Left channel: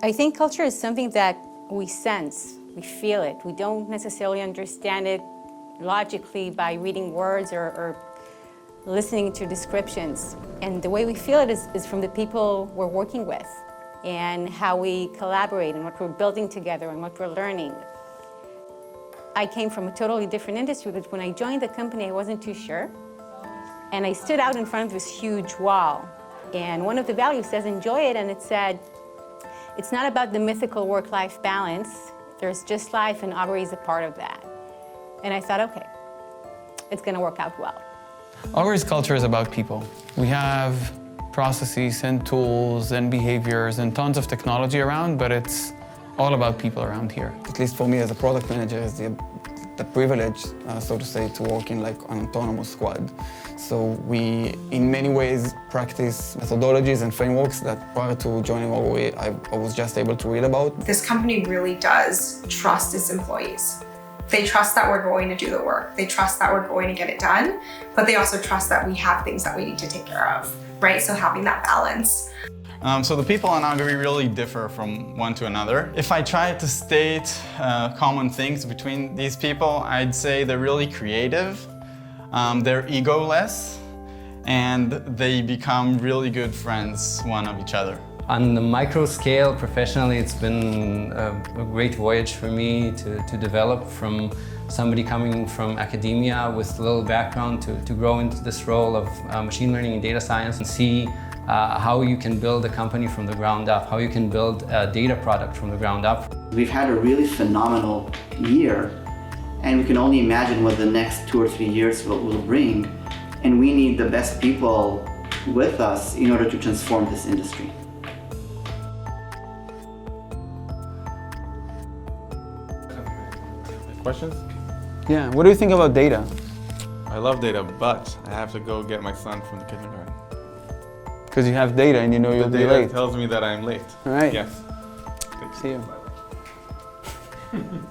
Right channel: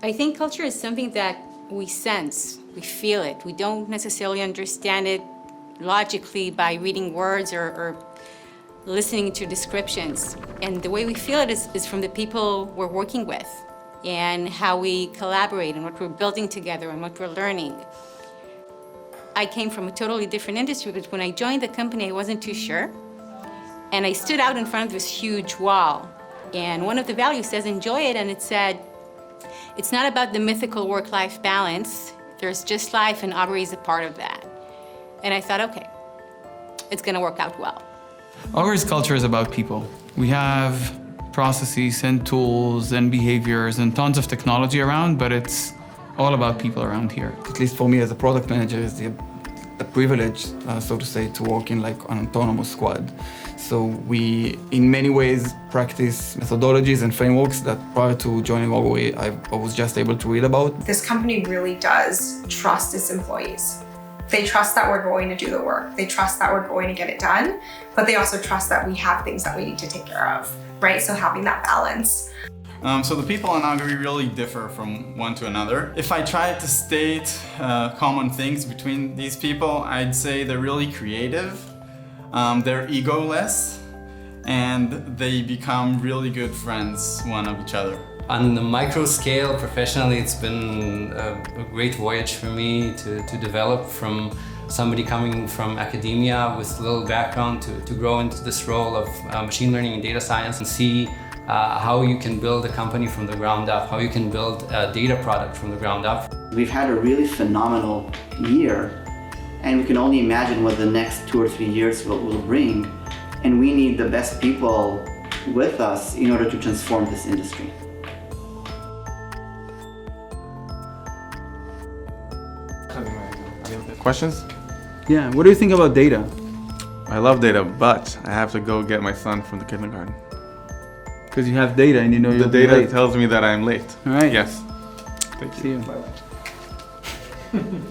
I think culture is something that we sense, we feel it. We don't necessarily understand it logically by reading words or listening to descriptions. And the way we feel it is from the people we're working with and how we collaborate and what we're building together and what we're learning. I came from a totally different industry, but when I joined the company, I wasn't too sure. And I stood out in front of this huge wall. And one of the values says, enjoy it, and it said, it's not about the mythical work-life balance. There's just life, and Augury is a part of that. And I thought, okay, it's gonna work out well. Augury's culture is about people. We have processes and tools and behaviors and tons of technology around, but it's all about people around here. At least for me as a product manager, is the privilege, so to say, to work in like an autonomous squad. So we, in many ways, practice methodologies and frameworks that prior to joining Augury, I was just able to read about. This company really does trust its employees. They trust that we're going to do the work. They trust that we're going to get it done, but they also trust that we have things that we need to take care of, right? So having that balance. So the people on Augury really differ from one to another. If I try to state common things between these people, I'd say they're really creative, they're egoless, and they become really good friends one of each other. On the micro scale, professionally, it's been a great voyage for me to develop from somebody coming from academia with little background to grow into this role of machine learning and data science and see how you can build a company from the ground up, how you can build a data product from the ground up. We've had a really phenomenal year, and we can only imagine what the next 2 or 3 years will bring. And we need the best people with us in order to transform this industry. Questions? Yeah, what do you think about data? I love data, but I have to go get my son from the kindergarten. Because you have data and you know The you'll be data late. tells me that I am late. All right. Yes. Thank you. See you.